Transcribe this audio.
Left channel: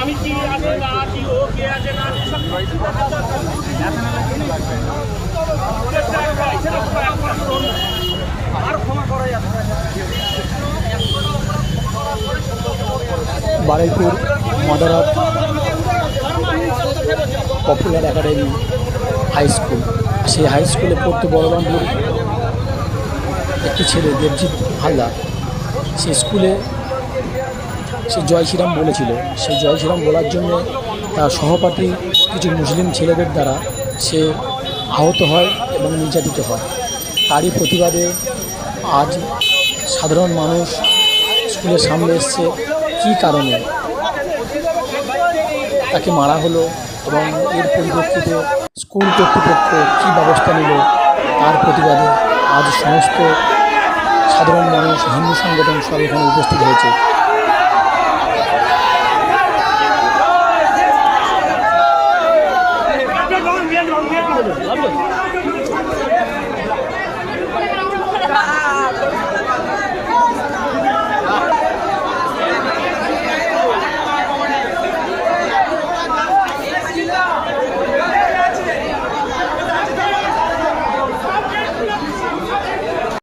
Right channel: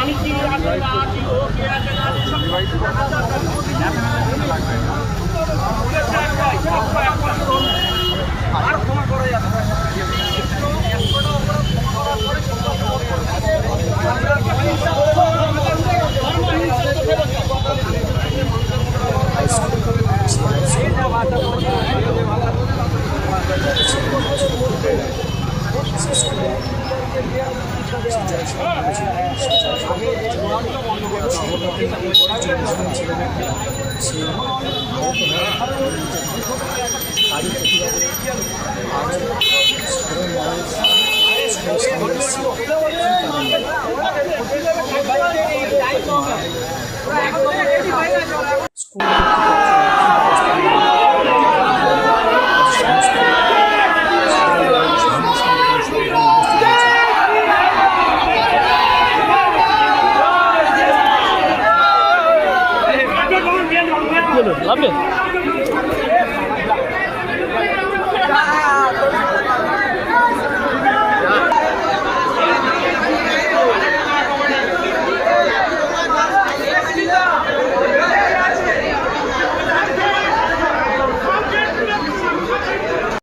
আমি কি আছে না আছি, ও কে আছে না আছে সব আর ক্ষমা করা যাবে না। Baruipur Madarat popular academy high school, সেই হাই স্কুলে পড়তে বড়বান্ধব একটি ছেলে দেবজিৎ হালদার, সেই স্কুলে সে জয় শ্রীরাম বলেছিল। সেই জয় শ্রীরাম বলার জন্য তার সহপাঠী কিছু মুসলিম ছেলেদের দ্বারা সে আহত হয় এবং নির্যাতিত হয়। তারই প্রতিবাদে আজ সাধারণ মানুষ স্কুলের সামনে এসছে কী কারণে তাকে মারা হলো এবং এর পরিপ্রেক্ষিতে স্কুল কর্তৃপক্ষ কী ব্যবস্থা নিল তার প্রতিবাদে আজ সমস্ত সাধারণ মানুষ, হিন্দু সংগঠন সব এখানে উপস্থিত হয়েছে। লাগবে